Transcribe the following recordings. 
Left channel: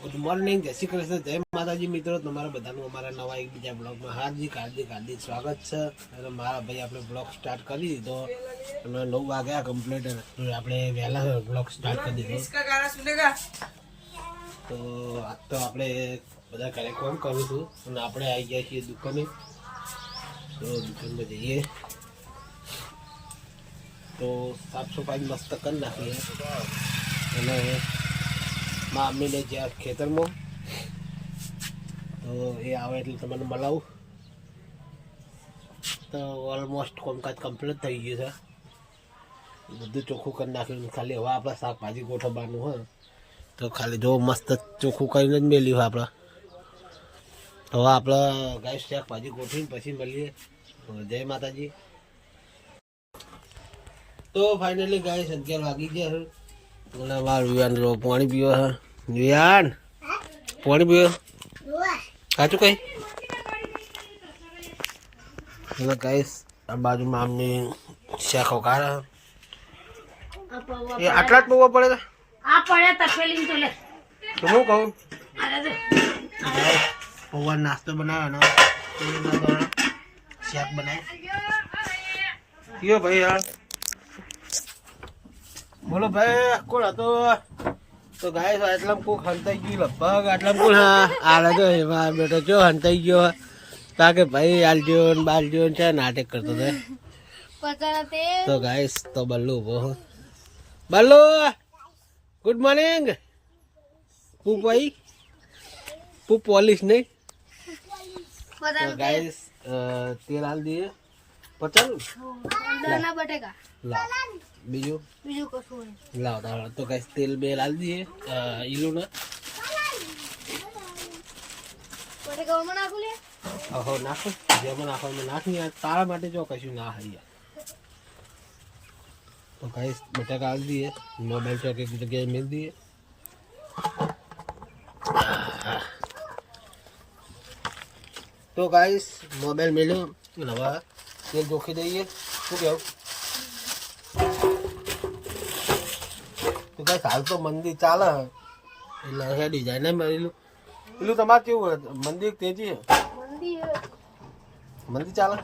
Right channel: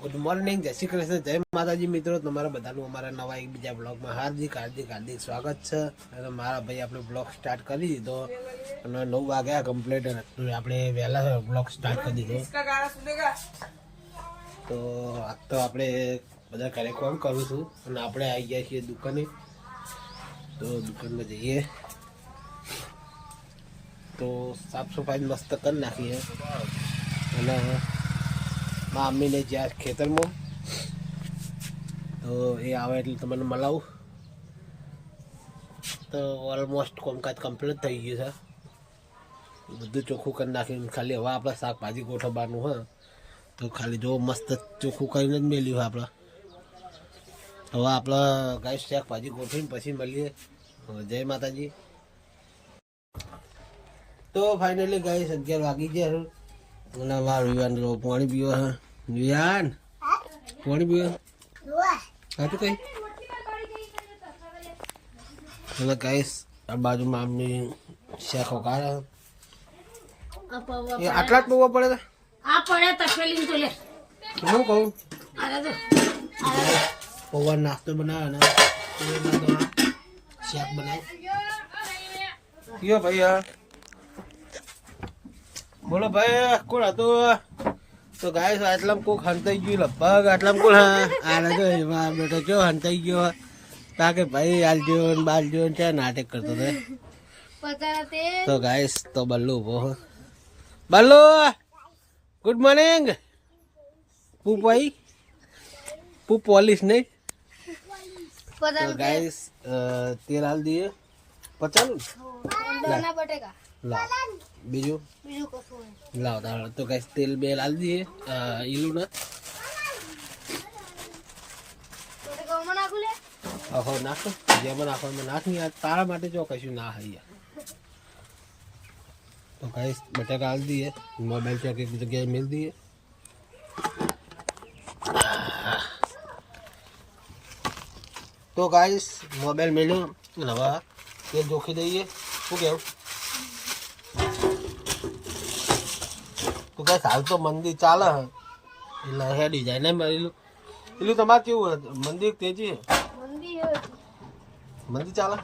Good morning, જય શ્રી કૃષ્ણ, જય માતાજી મિત્રો. તમારા બધાનું અમારા નવા એક બીજા બ્લોગમાં હાર્દિક સ્વાગત છે. અને મારા ભાઈ આપણે બ્લોગ સ્ટાર્ટ કરી દીધો અને 9 વાગ્યા કમ્પ્લીટ આપણે વહેલા બ્લોગ સ્ટાર્ટ કરી દીધો. તો આજ તો આપણે બધા ઘરે કોમ કરું છું અને આપણે આવી ગયા છીએ દુકાને. તો દુકાનમાં જઈએ તો સાફ સફાઈ મસ્ત કરી નાખીએ અને મમ્મીને જ્યાં ખેતરમાં તો એ આવે એટલે તમને મળાવું. તો ઓલમોસ્ટ કોમકાજ કમ્પ્લીટ થઈ ગયું છે, બધું ચોખ્ખું કરી નાખ્યું. ખાલી હવે આપણે શાકભાજી ગોઠવવાનું હોય તો ખાલી જો મસ્ત ચોખ્ખું કરીને જ મેલ્યું આપણે. હવે આપણે ગાય શાકભાજી ગોઠવીને પછી મળીએ. જય માતાજી. તો ફાઇનલી ગાય 11 વાગી ગયા અને મારા વિવાન પાણી પીવો હા. વિવાન પાણી પીવો સાચું કઈ એટલે કહીશ. આ બાજુમાં આમની શાખો કાઢે એ આટલા જ પીવો પડે તો હું કહું પૌવા નાસ્તો બનાવવાનો શાક બનાવી કયો ભાઈ. હા બોલો ભાઈ, કોણ હતો? તો ગાય આટલામાં કોક હંતાઈ ગયું લગભગ. આટલામાં કોણ? હા આલે તો એમાં બેટો ચો હંતાઈ ગયો તા કે ભાઈ આલજો ને બાલજો ને છે નાટક કરતો હતો. તો ગાય તો બલ્લુ ઉભો. Ballu good morning. પુ ભાઈ પુ પોલીસ નહીં. તો ગાય તેલ હાલ દઈએ 50 લાવ બીજું લાવ. તો કઈ તેલ બે લાવી દઈએ ઈલું ને હો નાખો જેમાં નાખો એમાં નાખ નહીં. તારા માટે જો કશું ના હૈયા. તો કઈ બટાકા હાલ દઈએ. મોબાઈલ ચોક એક જગ્યાએ મિલ દઈએ. તો ગાઈસ મોબાઈલ મેળ્યો હવે તેલ જોખી દઈએ. શું કેવું? તો કઈ હાલ તો મંદિર ચાલે એટલે હેડી જાય ને મારેલું પેલું. તમારે કેવું મંદિર તેજી મંદિર ચાલે?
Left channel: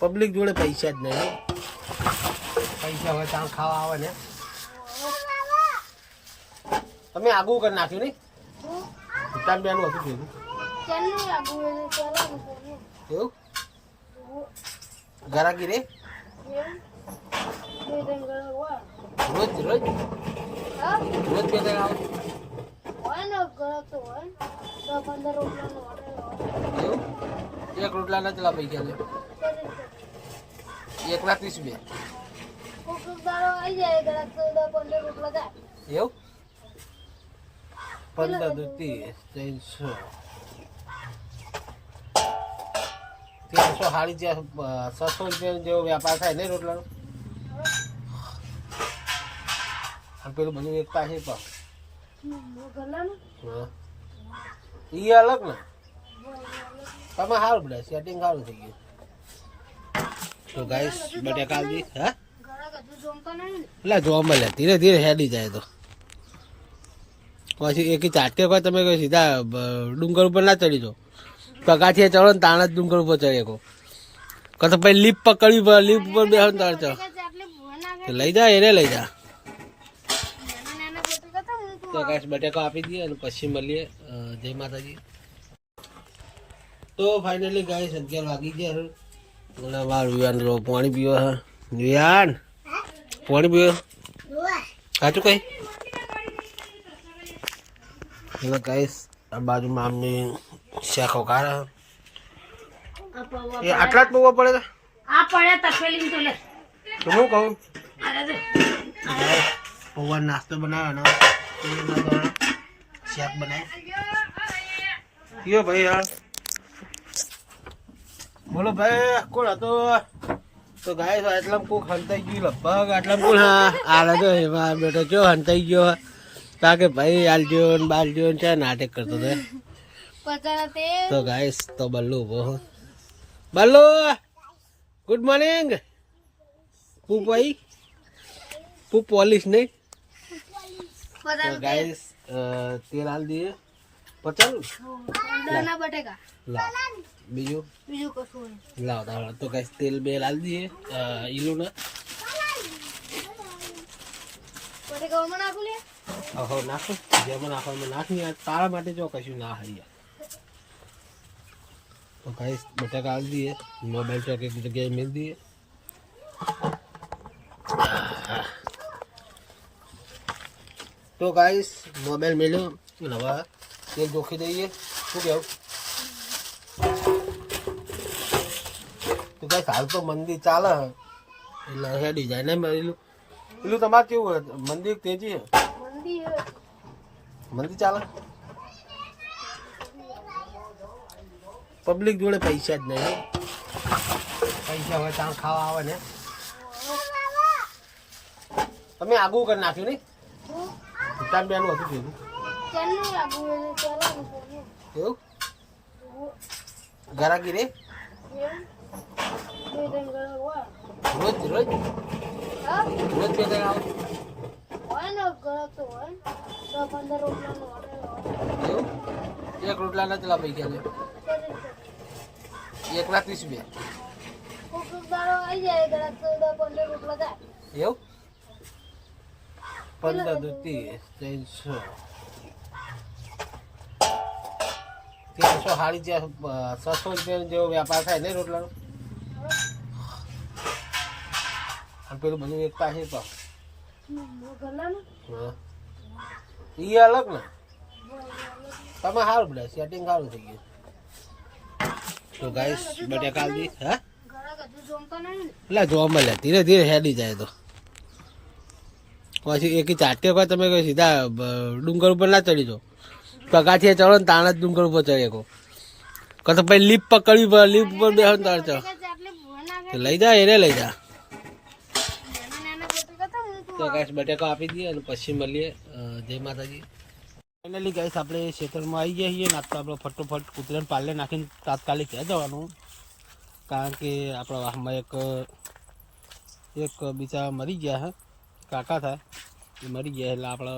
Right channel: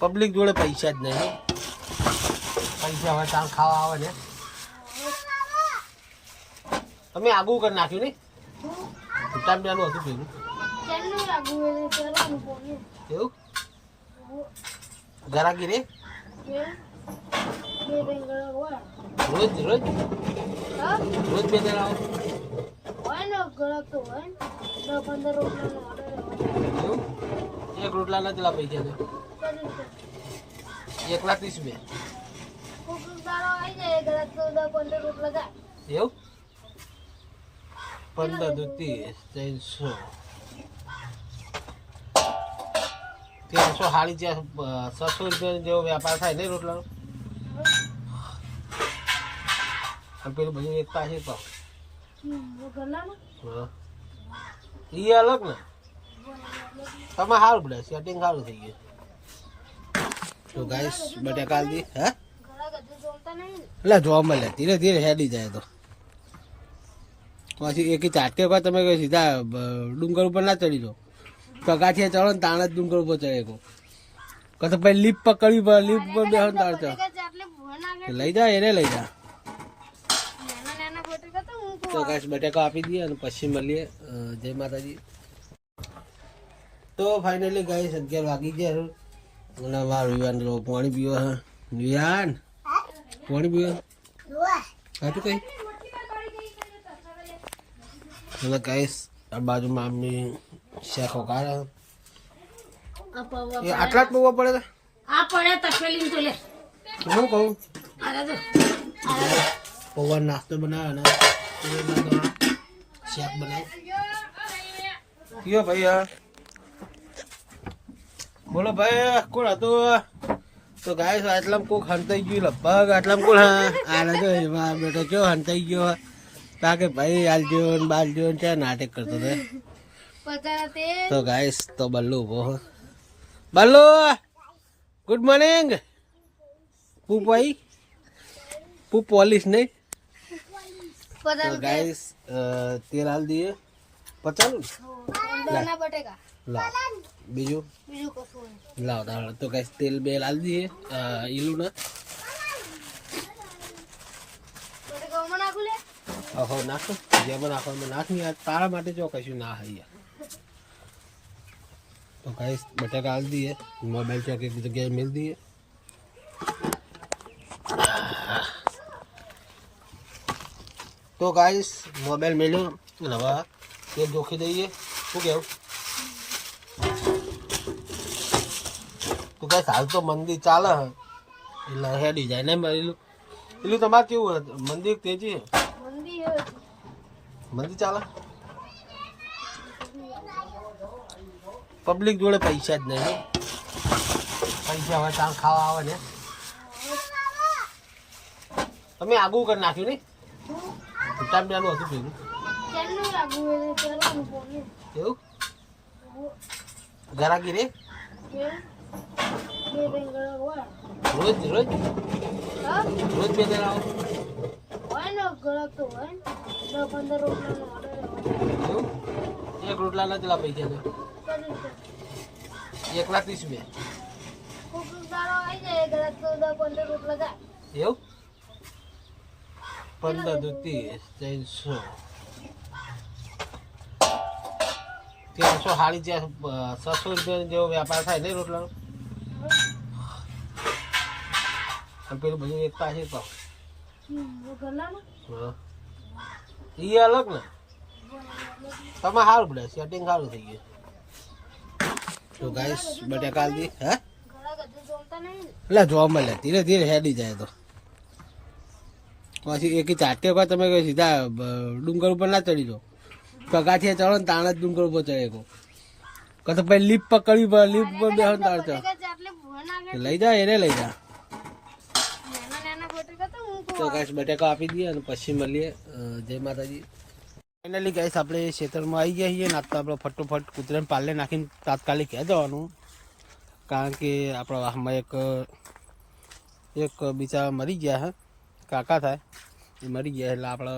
પબ્લિક જોડે પૈસા જ નહીં. પૈસા હોય ત્યાં ખાવા આવે ને. તમે આગું કરી નાખ્યું ને ભૂટાન બેનું હતું ભેગું એવું ગરાગી રે રોજ રોજ રોજ બે જણ આવો એવું? એક રોટલા ના ચલા પૈસા તો 1,30,000 એવું 15 દુ 30 300 સાડી 600 રૂપિયા જેવો વેપાર થાય નહીં રોટલાનો. પેલું બધું એકતા છે પણ હા એ અલગ ને. તમે સારું પડે સેટિંગ સારું થઈ ગયું. તો ગાઈસ બટાકા દી હે એટલે જોવા મળે ધીરે ધીરે હેડી જાય. તો પછી એક ચાટકે કોઈ તમે કોઈ સીધા ડુંગર ઉપર ના ચડી જાઓ. પગાથિયા ચડો ને તાણા જ ડુંગર ઉપર ચડે કહો તો પછી લીપ પકડવી પડે. લીપ ઉપર બેસો ને તાણ ચડો લઈ જા એને લઈ જા. તો ગાઈસ બટાકા આપી દઈએ અને પછી મળીએ. જય માતાજી. તો ફાઇનલી ગાઈસ 11 વાગી ગયા અને મારા વિવાન પાણી પીવો હા. વિવાન પાણી પીવો સાચું કઈ એટલે ગાઈસ આ બાજુમાં આમની શાખો કાઢે એ આટલા જ પૌવા પડે તો હું કહું પૌવા નાસ્તો બનાવવાનો શાક બનાવી કયો ભાઈ. હા બોલો ભાઈ, કોણ હતો? તો ગાય આટલામાં કોક હંતાઈ ગયું લગભગ. આટલામાં કોણ? હા આલે તો એમાં બેટો ચો હંતાઈ ગયો તા કે ભાઈ આલજો ને બાલજો ને છે નાટક કરતો હતો. તો ગાય તો બલ્લુ ઉભો. Ballu good morning. પુ ભાઈ પુ પોલીસ નહીં तो गाइस तेल डाल दिए 50 लाओ बीजू लाओ दाल तो गाइस तेल बे डाल दिए ઈલું ને ઓહો નાખો જેમાં નાખવામાં નાખી યાર તારા માટે જો કશું ના હૈ યાર तो गाइस बटाका डाल दिए मोबाइल चौक एक जगह मिल दिए तो गाइस मोबाइल मिलो नवा तेल जोखी दઈએ શું કેવું તો ગાइस હાલ તો મંદી ચાલે એટલે હેડી જાય ને એલું તમારે કેવું મંદી તેજી મંદી ચાલે પબ્લિક જોડે પૈસા જ નહીં પૈસા હોય તાર ખાવા આવે ને તમે આગું કરી નાખ્યું નહીં ભૂટાન બેનું હતું ભેગું એવું ગરાકી રે રોજ રોજ રોજ બે ત્રણ આવો એવું એક રોટલાના ચલા પૈસા તો 1,30,000 એવું 15 દુ 30 300 સાડી 600 રૂપિયા જેવો વ્યાપાર થાય ને રોટલાનો પેલું બધું એકતા છે તો હા એ અલગ ને તમે સારું પડે સેટિંગ સારું થઈ ગયું तो गाइस बटाका डाल दी है ला जो મળે ધીરે ધીરે હેડી જાય તો પછી એક ચાટકે કોઈ તમે સીધા ડુંગર ઉપર ના ચડી જાઓ પગાથી ચડો ને તાણા જ ડુંગર ઉપર ચડે કો તો પછી લીપ પકડવી પડે લીપ ઉપર બેહો ને તાર ચડ લઈ જા એને લઈ જા તો ગાઈસ બટાકા આપી દઈએ અને પછી મળીએ જય માતાજી फाइनली गाइस આપણે ખેતરમાં આવી ગયા છીએ ને આપણે ફટોફટ કૂતરાને પાલે નાખીને તાત્કાલિક ક્યાં જવાનું કારણ કે આપણા વાહમાં એક બિચારા મરી ગયા હે કાકા થાય એ મરી ગયા એટલે આપણે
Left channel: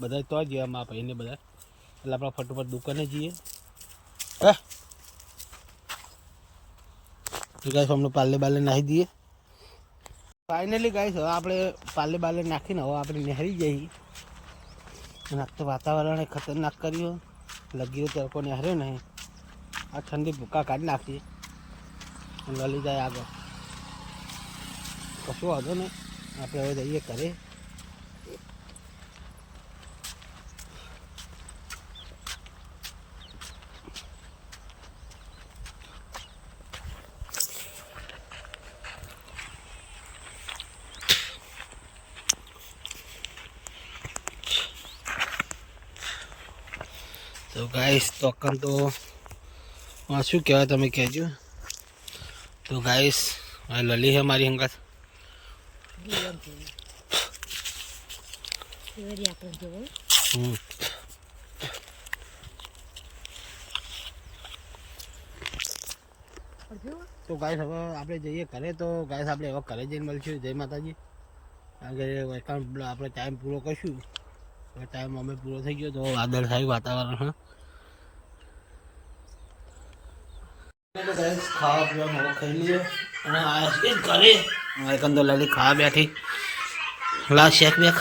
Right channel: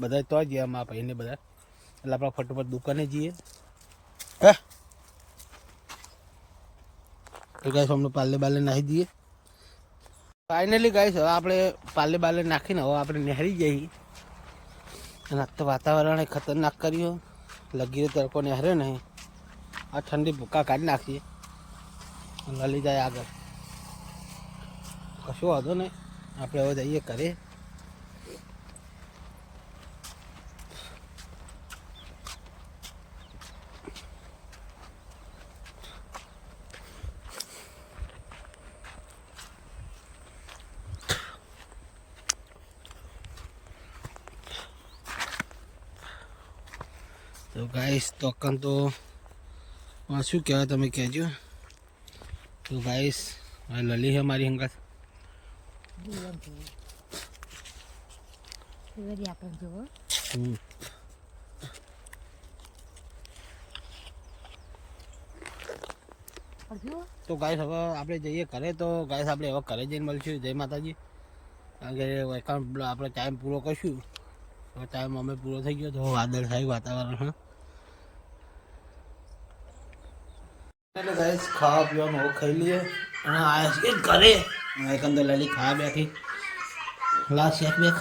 બધા તો ગયા મારા ભાઈને બધા એટલે આપણે ફટોફટ દુકાને જઈએ હે તો ગાઈસ અમને પાલે બાલે નાખી દઈએ ફાઇનલી ગાઈસ હવે આપણે પાલે બાલે નાખીને હવે આપણે નહેરી જઈએ અને તો વાતાવરણ ખતરનાક કર્યું લગી તડકો ને હરે નહીં આ ઠંડી ભૂકા કાઢી નાખીએ લલી જાય આગળ કશું વાંધો નહીં આપણે હવે જઈએ ઘરે तो गाइस तो कम तो शू कहवा तमे कहजो तो गाइस लली है हमारी हंगात तो गाइस हम आप जाइए घरे तो गाइस आप घरे जैन मळशुं जय माताजी कारण के आप टाइम पूरो करशुं टाइम अमे पूरो थी गयो तो वादळ थाय वातावरण हाँ तो गाइस खावा पीवा खाई लिए घरे तो लली खावा बैठी ला शेक बेक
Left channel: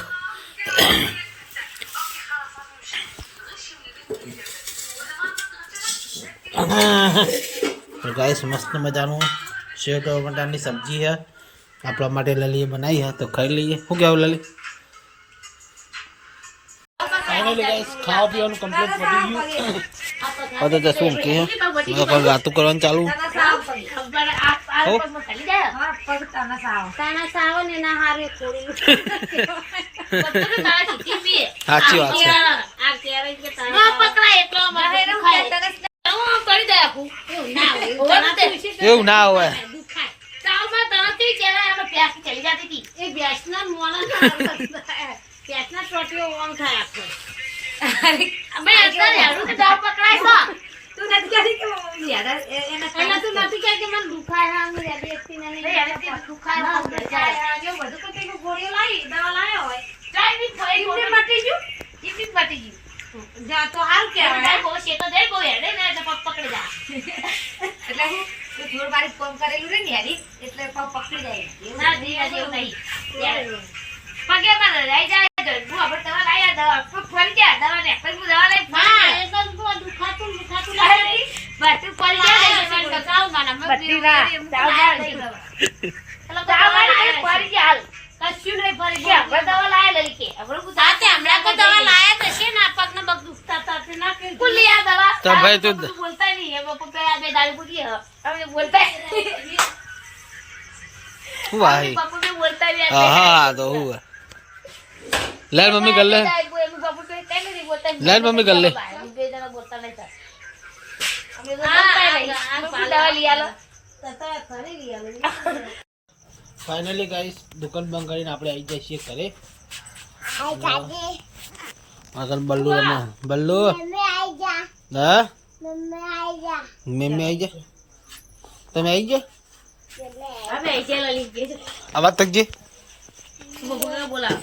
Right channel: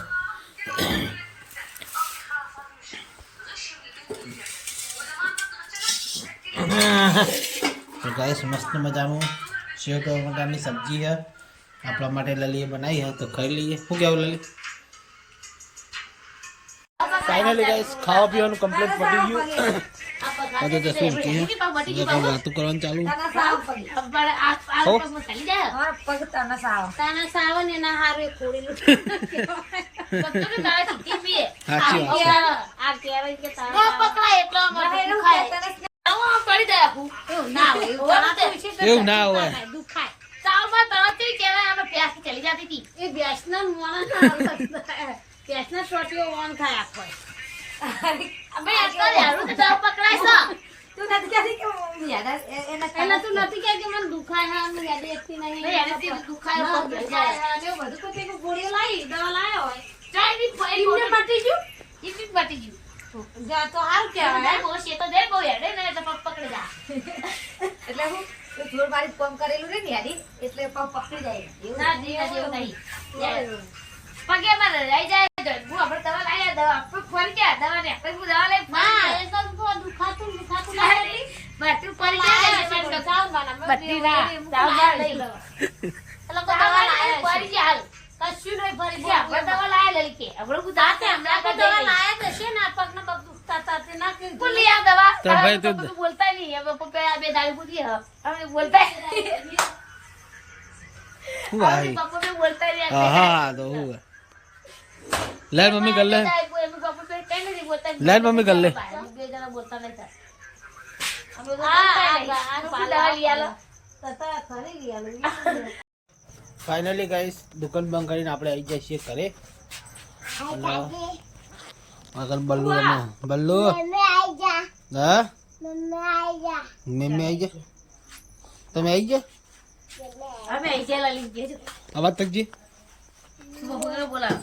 तो गाइस मस्त मजानु सेव टमाटर की सब्जी है अपना माटे लली बनाई है तो खाई लीजिए शू क्या लली फाइनली गाइस खावा पीवा कम्प्लीट पड़ी गયું तो जसू की है कोई बात करवान चालू हो साची बात है એવું ના હોય પેસના છોટીઓ ઓન થાય આપણે અમે અત્યારે હેરું કે દોર પકડાય છો તું નથી કહી કે યાર એના તું નથી કહી કે મને દુખાય હા મને યાદ એકતી નહીં યાર તે દુખાય હો જાય જો બધું તો કે ગોળીઓ લાવી દવા લાવ્યો હોય ચાઈ ની ફોઈ પટી ગયું જા તો હાલ કે બહુ છે તો જઈ બહુ હેડે ને તો પગ પકડી જા એટલે હું તો જોર મારી ફોન કરેલું રે ને યારી એટલે પગ પકડી જાય ના દીવા જેવું નહીં પગે માં રહી જાય તો હું આપણે દવા લાયા દવા ફરી ગયા દવા ને પછી હું દવા લઈ હા એ તો દુખાતું લાગે બટ પડી જાય મને બચાવ મને બટ્ટી ના જાવ જા લઈ એટલે દવા લાયા ફરી ગયા હાલ કશું નહીં ફરી ગયા આપણે દવા લાયા લઈ કે આપણે હું જાતે હમણાં તો દવા લાયા તો છે ને પગ ને પગ દુખતા હતા ના કે ભૂલી આ દવા તો ભાઈ તું બોલતા નહીં હવે પપ્પા બે દાડી પૂરી હવે બોલતા હું ભાઈ પપ્પા બે બોલતા નહીં હા તો હું લે મમ્મી कर ले ले मम्मी कर ले फाइनली गाइस दुकान बंद કરીને આપણે આવી જઈએ છીએ ઘરે આગળ બલ્લુ રમો બલ્લુ હા મમ્મી આવી જા તમે આવી જા અમે આવી જા લલી કે આવાજ તક જે બોલા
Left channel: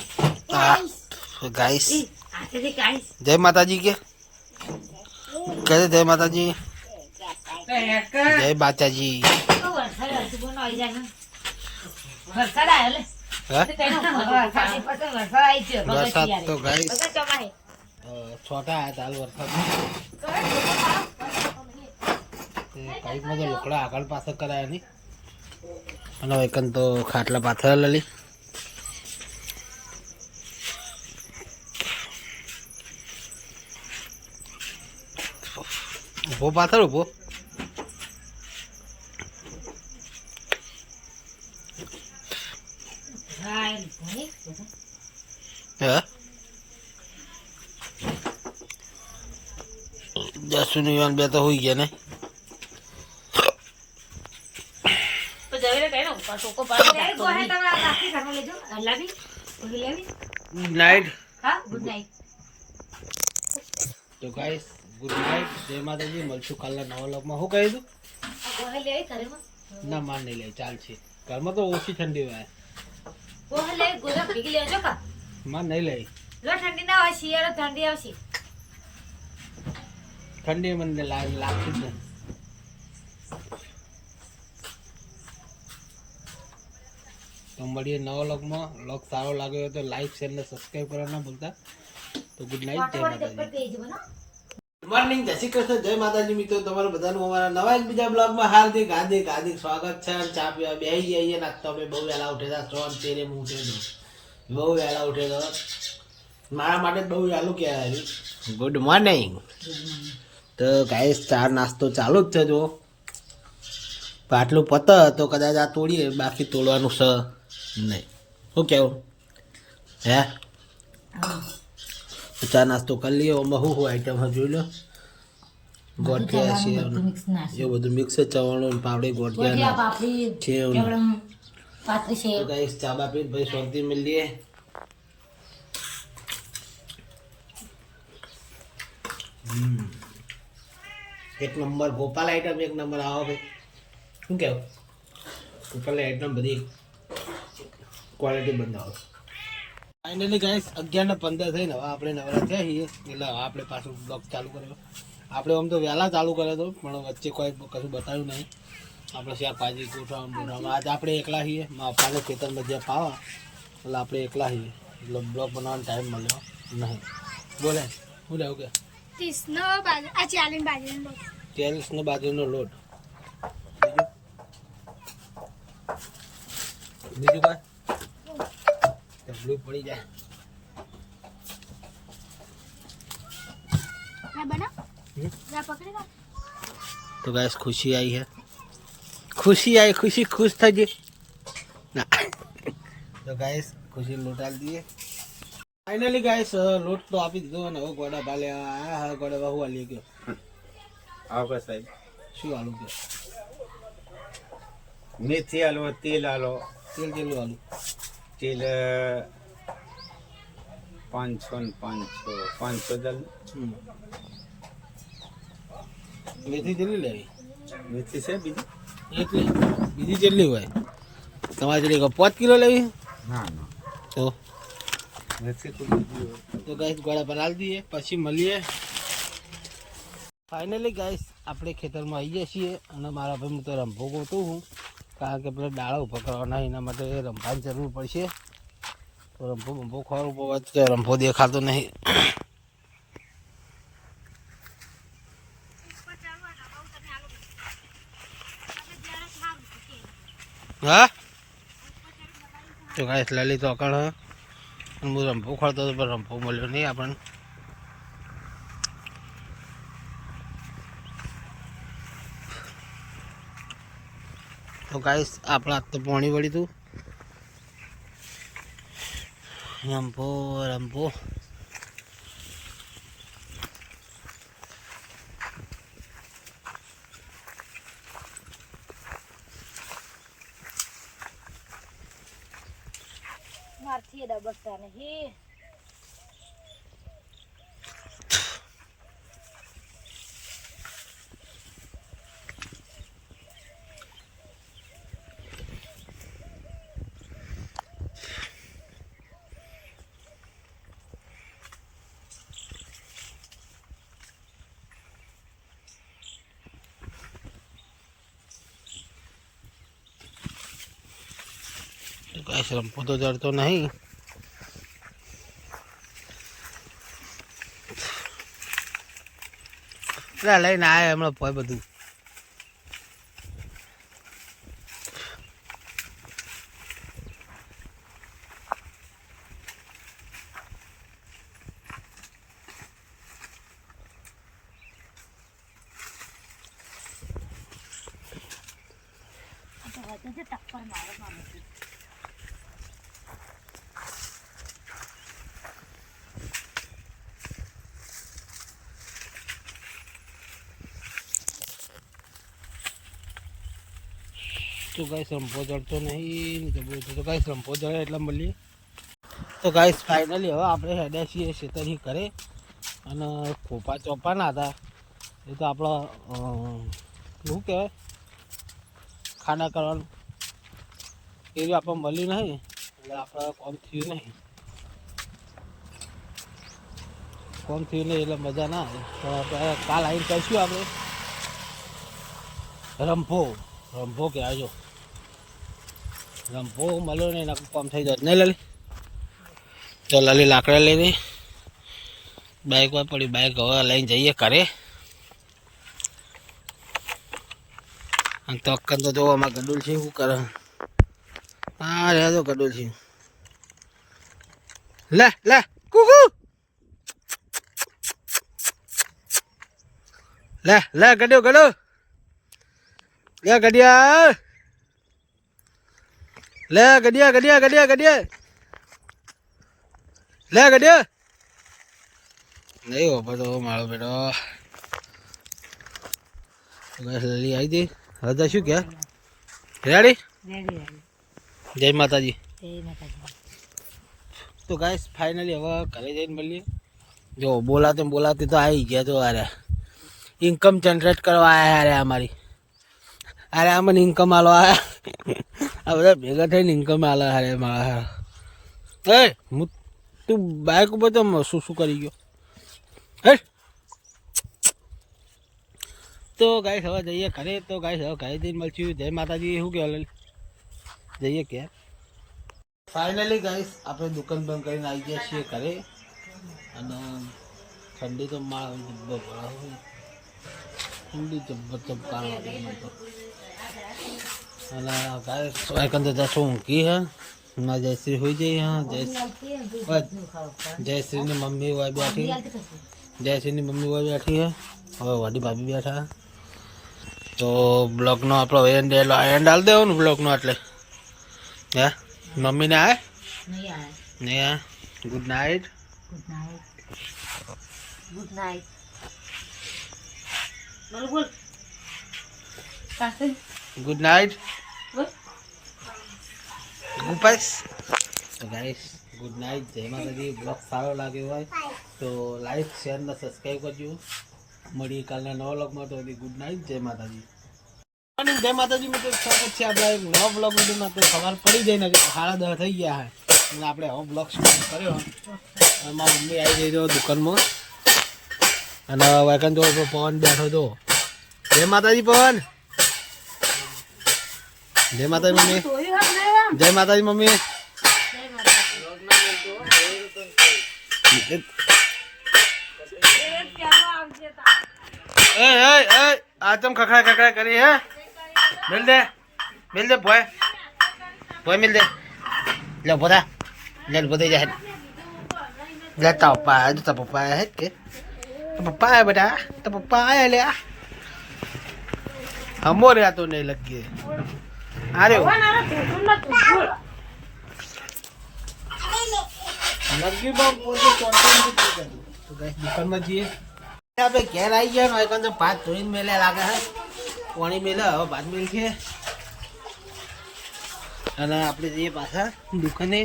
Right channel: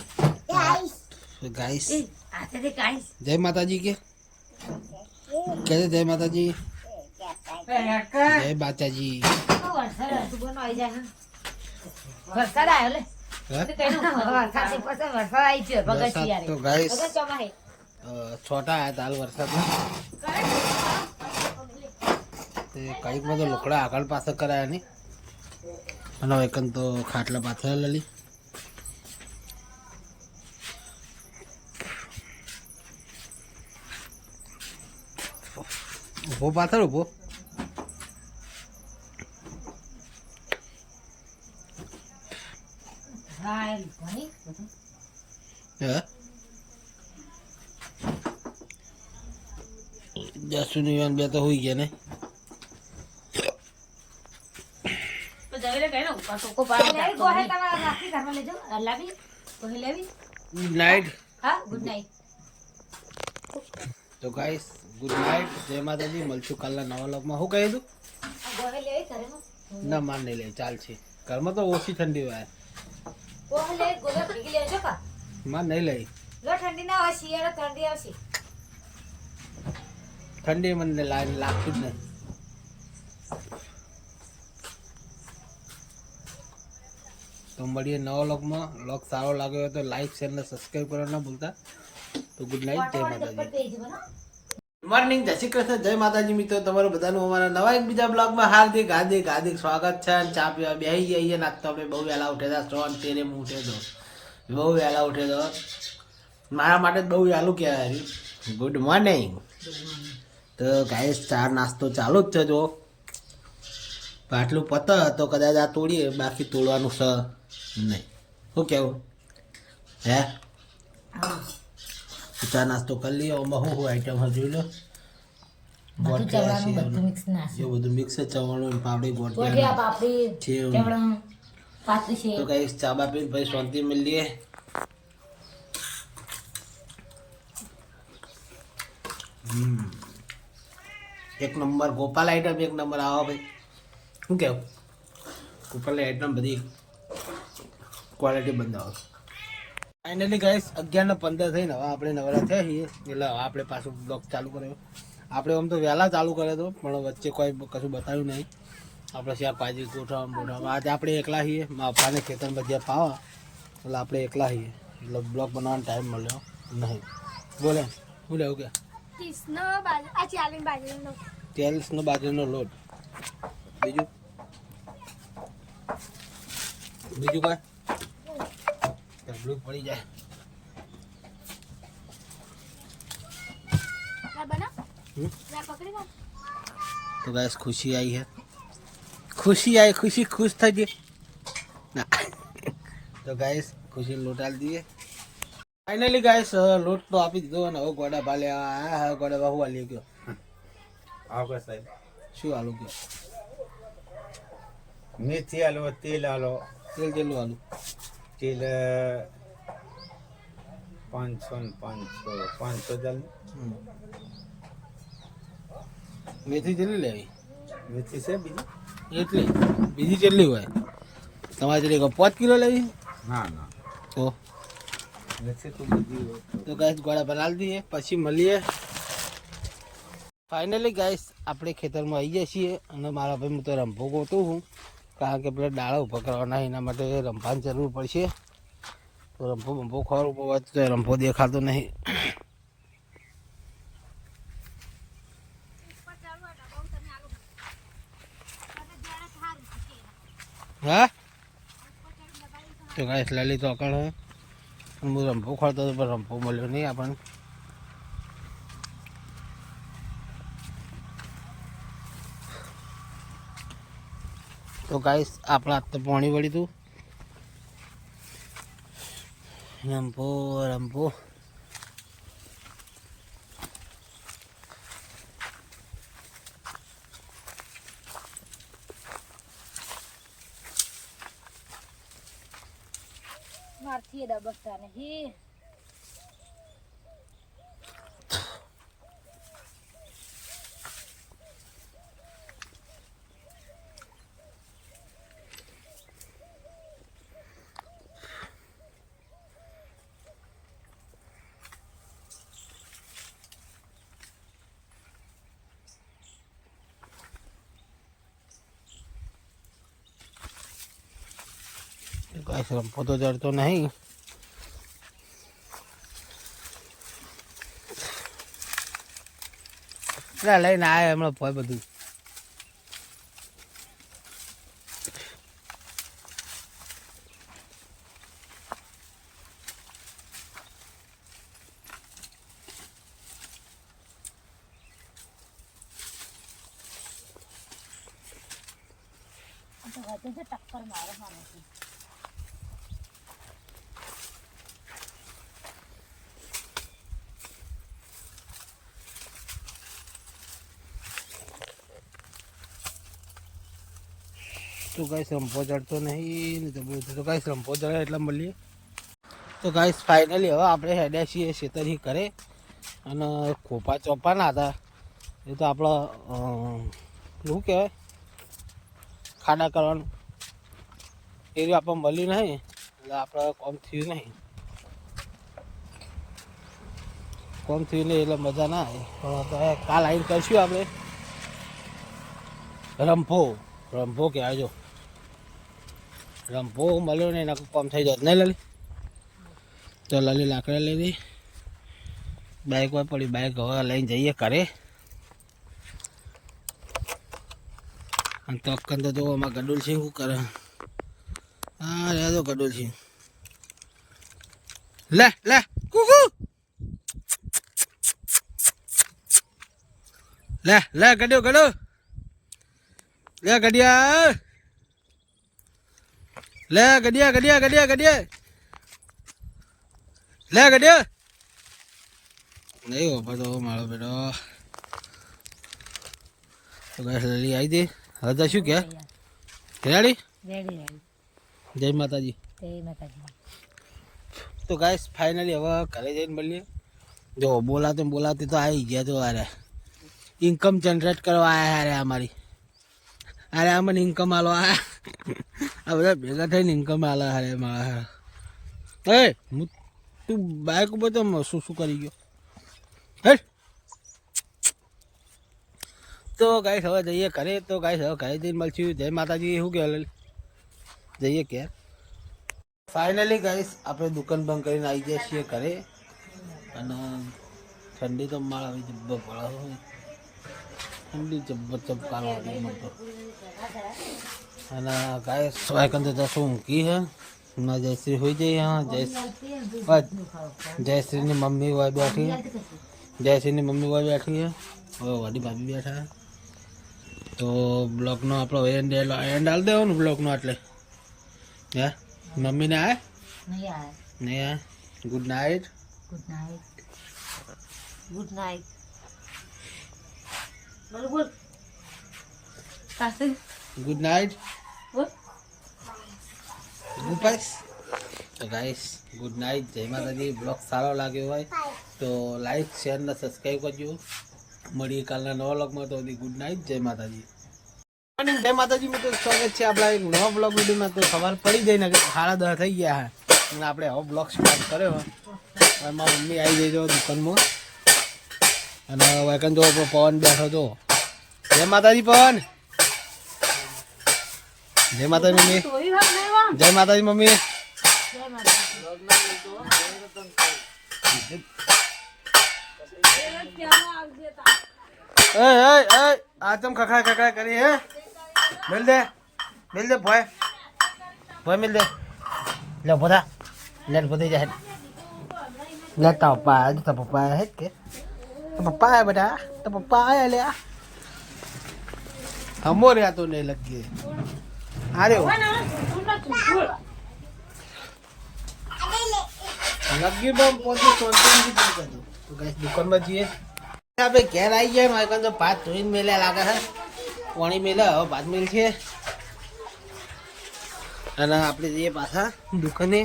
गाइस आते गाइस जय माता जी के कहते जय माता जी जय माता जी वरसाद तो गाइस छोटा है ताल वरसाद में कई में तो लोकड़ा आकड़ पास कराया नहीं एनो एकन तो खाटला पाथर लली ઉભો પાથર ઉભો જસુ ની બે તો હોઈ ગયા ને ગુડ નાઇટ ગુડ નાઇટ તો ગાઈસ ગુડ નાઇટ જય માતાજી મળશું કાલના નવા લોકમાં શું કહી દઉં ના માર નહીં લે ચાલશે ઘરમાં તો ઓછી ઠંડી હોય માર નહીં લઈ ઠંડી મને લાગતી જ નહીં તો મળીએ નવા લોકમાં લોક સારો લાગ્યો હોય તો લાઈક શેર ને સબસ્ક્રાઈબ કરવા ના ભૂલતા તો ગુડ નાઇટ જય માતાજી મોર્નિંગ જય શ્રી કૃષ્ણ જય માતાજી મિત્રો તમારું બધાનું અમારા નવા એક બીજા બ્લોગમાં હાર્દિક હાર્દિક હાર્દિક સ્વાગત છે અને ચા પીવા બેસી જઈએ નાખતો અમે બહુ વહેલા ઉઠે હતા 3 તેરે હું ઉઠે તો બહુ વહેલા ઉઠે તો મારા માટે બહુ વહેલું કહેવાય ગુડ મોર્નિંગ તો ગાઈસ ચા નાસ્તો ચાલુ જ છે જો આટલું પત તો કદાચ આ તોડીએ બાકી તોડવાનું છે નહીં શું કેવું હે ચા નાસ્તો કરી લઈએ એમાં શું આઈટમ જોઈ લો ગોઠિયા છે એવું બધું મિક્સ ચવાણું પાપડી ગોઠિયા છે તો ગાઈસ ચા બા પીને ભાઈ શાંતિ મળીએ એક નંબર ગોપાલ આઈટમ એક નંબર આવો ભાઈ શું કેવું ગોપાલ આઈટમ બધી ક્વોલિટી બંધાવો ફાઇનલી ગાઈસ 11:15 થઈને હવે આપણે નવરા થયા છીએ એટલે હવે આપણે પાછું બ્લોગ ચાલુ કર્યો આપણે આમ તો વહેલા ચાલુ કર્યો હતો પણ વચ્ચે કોઈ કશું બતાવ્યું નહીં આપણે શાકભાજી ગોઠવવા આજે આપણે એકલા છીએ મારા પપ્પાને ખેતરમાં જ્યાં પાવા એટલે આપણે એકલા છીએ એટલે બ્લોગ બનાવવાનો ટાઈમ મળ્યો નહીં બોલે શું લેવું કે 40 બાજરીનો લોટ બીજું કાંઈ તબલું પડી જાય तो गाइस खुशी आई है खुशी खुश था जी ना तो गाइस खुशी लोट डाल दिए फाइनली गाइस लोट तो आप ही दो ना वो गोड़ा बाले आया है गोड़ा बाहु वाली क्यों आप साहब शू आलू क्यों मेथी आलू तेल आलू तेल आलू तेल 500 जल मेथी જેટલી લેવી मेथी से એટલી બીજી કેટલી હોય તમારે જેટલી 5 કિલો લેવી ના ના તો मिर्ची तो लगी है। તો ગાઈસ ગોળા બનાવી દઈએ પછી મળીએ. ફાઇનલી ગાઈસ આપણે ખેતરમાં આવી જઈએ છીએ અને મારા ભાઈ હું તો રંભો ગોતું હું કારણ કે પેલા ડાળા ઊભા કરવાના એના માટે રંભાની જરૂર પડશે. તો રંભો ખોરવું પડે તો રંભો દેખાતો નહીં. હા તો ગાઈસ લલિત ઓકળ હ હું રંભો ખોરતો હતો પણ રંભો મળ્યો નહીં આપણને. તો ગાઈસ આપણે આજ તો પાણી વળી હતું. રંભો મારથી ડબકતા નહીં. ગાઈસ રંભો તો જડતો નહીં. લઈને આવ્યા હમણાં ભાઈ બધું. ટક્કર મારો માનો તો ગાઈસ રંભો ચડતો નહીં તો બોલતું તો ગાઈસ રંભો ચડે એટલે મળીએ. તો ગાઈસ ફાઇનલી હવે આપણે હેડ્યા છીએ ખેતરથી કરે અને ખોપા ચોપાના હતા એ તો આપણે શું કહેવાય ખાડા કરવાનું એ આપણને મળી નહીં એટલે આપણે કોમ થયું નહીં એટલે મજા ના આવે. પણ આપણે કાલ આવીને કરશું આપણે રંભો કહેવાય. જો રંભો મળ્યો ને એના કામ થઈ જાય નહીં લલી. તો લલી લાકડા લઈને બાઇક પર પડી બાઇક હવે લઈને જઈએ ઘરે. અને તો અક્કન તો જો આમાં ગડુલ છે શું કરે. હા રે તો ગડુલ છે. લે કુકુ લે ગડ્યો લે ગડિયા લે ગડિયા નહીં બાપા તો મારો બેટો લડી આવી દે. હવે તો શું કે રેડી જય માતાજી. તો ગાઈસ ફાઇનલી હવે ઘરે જઈને મળીએ. જો બોલાતે તો આવી ગયા. તો અરે ઇન્કમ જનરેટ કરવા આવ્યા અરે અમારી અરે અમને ઇન્કમ આલો આવ્યા. આ બધા ભેગા થઈને ઇન્કમ આલે અરે મારા. હું તું બાઇક ઉપર તો શું કરી ગયો. તો ગાઈસ હવે જઈએ ઘરે. તો ગાઈસ હવે ઘરે જઈને મળશું. જય માતાજી. શું કહેવાય જઈએ કે ફાઇનલી ગાઈસ આપણે દુકાન બંધ કરીને આવી ગયા છીએ ઘરે. અને ઠંડી તો માળ આવી જબ્બર પડે હોય. ઠંડી જબ્બર ચપકાળ લાગે મને તો. અને ગાઈસ વાયકન તો જશું ઊંઘી હે ના જયશ્રી હોઈ જઈ. હા જયશ્રીની મમ્મી હોય બેઠી. જયશ્રીની મમ્મી હોય બેઠી હે. હવે વાડી ભાભી બેઠા. તો બ્લોગનો આપણો એન્ડ હાલ દેવાનો બ્લોગનો. એટલે હે મમ્મીને આવે નહીં આ ગુડ નાઇટ ગુડ નાઇટ ગુપાઈસ. તો ગાઈસ ગુડ નાઇટ. જય માતાજી. બ્લોગ સારો લાગ્યો હોય તો લાઈક શેર ને સબસ્ક્રાઈબ કરજો. મળીએ કાલના નવા બ્લોગમાં. તો ગુડ નાઇટ. જય માતાજી. જય માતાજી. મિત્રો સ્વાગત છે આપણા એક નવા બ્લોગ વિડીયોમાં. તો સવાર પડી જાય ને 10:30 થઈ ગયા. અને આપણે હવે બ્લોગ સ્ટાર્ટ કર્યો. મારી મમ્મી આવી ગઈ દુકાનમાં અને વાયકન જો પવન બેઠો હતો. જય માતાજી પવન. જય માતાજી મમ્મી. જય માતાજી મમ્મી. આ તમ ખખડા ખખડા કરી હે. મિલ દે ભોય મિલ દે. લે બધા લે બધા જાય લે. તારા પપ્પા આવ્યા. તારા પપ્પા આવ્યા હે કે પપ્પા આવ્યા બેટા. તો પપ્પા આવ્યા લે. હમો રે તો નહીં લગી. અરે લગી બમ પોતે તો ગાઈસ દુકાનમાં જઈએ. આપણે ઘેર આવી ગયા ને તો ભાત ધોઈને મેલ્યા લાગે હે. પાણી મેલ્યા હવે ભાત મેલ છે અને આપણે જઈએ પાછા દુકાને.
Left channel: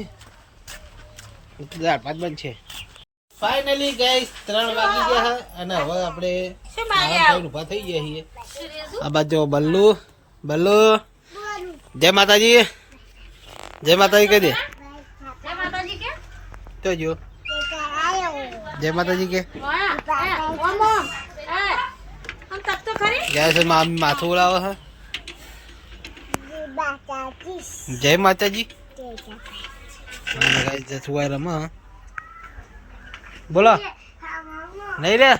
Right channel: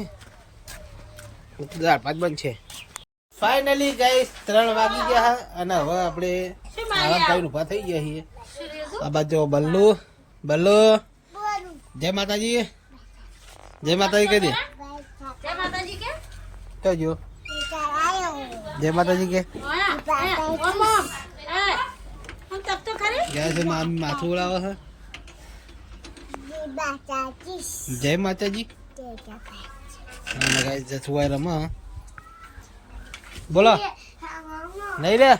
દાળ ભાત બંધ છે. ફાઇનલી ગાઈસ 3 વાગી ગયા હે અને હવે આપણે આરામ કરીને ઊભા થઈ ગયા છીએ. આ બાજુ બલ્લુ જય માતાજી. જય માતાજી કહી દે. જય માતાજી કે તો જો જય માતાજી કે જય માથું ઉડાવે છે. જય માતાજી. જસુભાઈ રમા બોલો નહીં રે.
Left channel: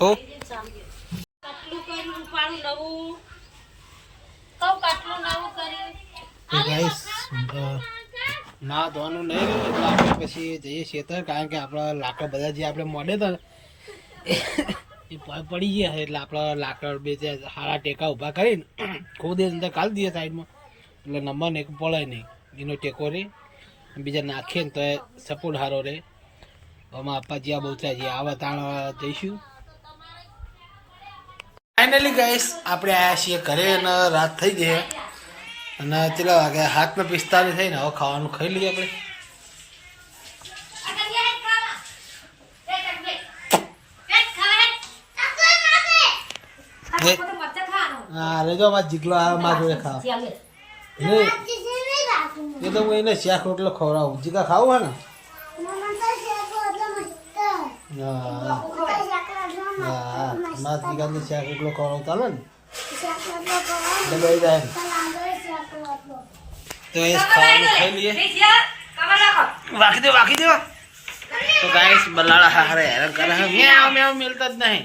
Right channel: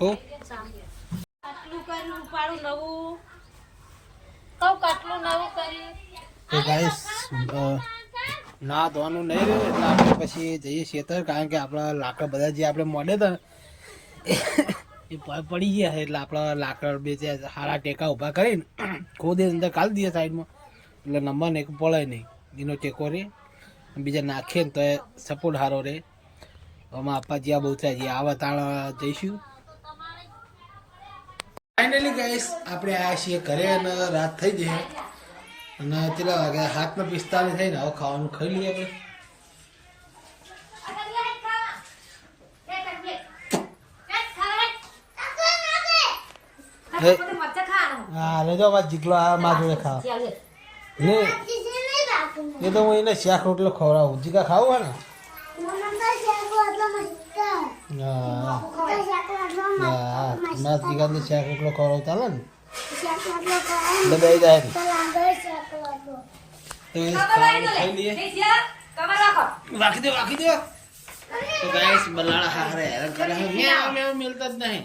હો ગાઈસ ના ધોવાનું નહીં રહ્યું એટલે આપણે પછી જઈએ ખેતર. કારણ કે આપણા લાકડ બધા જે આપણે મોડે હતા ને એ પડી ગયા એટલે આપણા લાકડ બે સારા ટેકા ઊભા કરીને ખોદે અંદર કાઢી દઈએ સાઈડમાં એટલે નંબર એક પડે નહીં. એનો ટેકો રહે બીજા નાખીએ ને તો એ સપોર્ટ સારો રહે. આમાં આપવા જ્યાં બહુ ત્યાં આવા તાણ જઈશું. ફાઇનલી ગાઈસ આપણે આવ્યા છીએ ઘરે અને રાત થઈ જઈએ અને કેટલા વાગ્યા 7:45 થઈને હવે ખાવાનું ખાઈ લઈએ આપણે. જો જીગલો આ મા જોડે ખા એ તો હું એને શાક રોટલો ખવડાવું. જીકા ખાવું હે ને જીગાને શાક રોટલો ખવડાવતા ને જાય તો એ ખાવાનું ખાઈ લઈએ. વાકી દો તો ગાઈસ બલાડા હારે હેરાન કરે છે. મેવ મેવ મિલતા જ નહીં.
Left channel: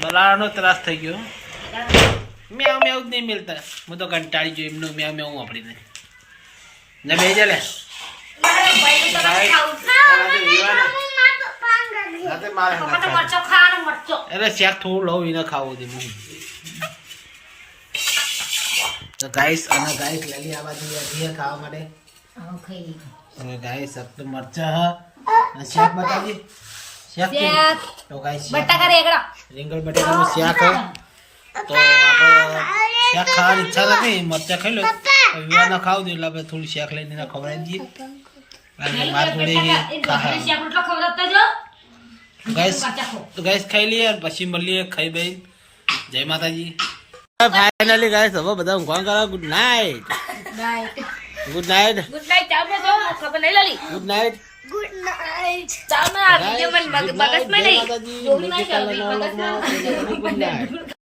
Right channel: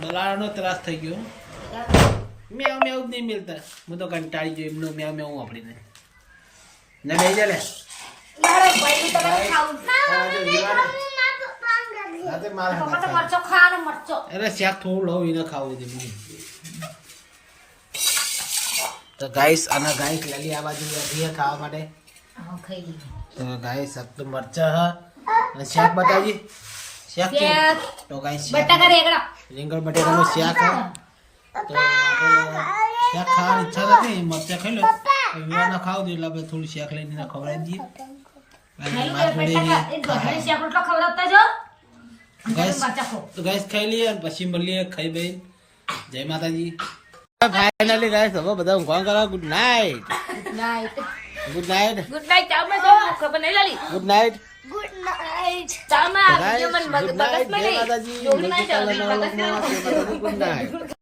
બલાડાનો ત્રાસ થઈ ગયો. મેવ મેવ જ નહીં મિલતા. હું તો કંટાળી ગયો એમનું મેવ મેવ વાપરીને ને બે જા લે. અરે શાક થોડું લઉં એને ખાવું દે. તો ગાઈસ અને ગાઈસ લલી આ બાજુ હતી ખાવા માટે. તો ગાઈસ સબ તો મરચા હા અને શાક બતાજી શાક તો ગાઈસ બટાકા રેગડા રીંગણ બટાકાનું શાક હા. તો આપણે શાક ખાવાની ઈચ્છા નથી. મરચા ખાઈ લો વિવાહ ના ખાવ દે એટલે આપણે થોડું શાક લઈને ખવડાવી દઈએ. માર જોડે ગાઈસ ખાઈ લઈએ પછી મળીએ ખાઈ ભાઈ. જય માતાજી. ફાઇનલી ગાઈસ હવે બધા ઊંઘવા કરવા. Good night. Good night. Good night. ચાલ મે જો ખબર નહીં Lali. Good night. Good night. ચાલ મે આ વિડિયો મન મગજ માં નહીં. જય માતાજી. Good night.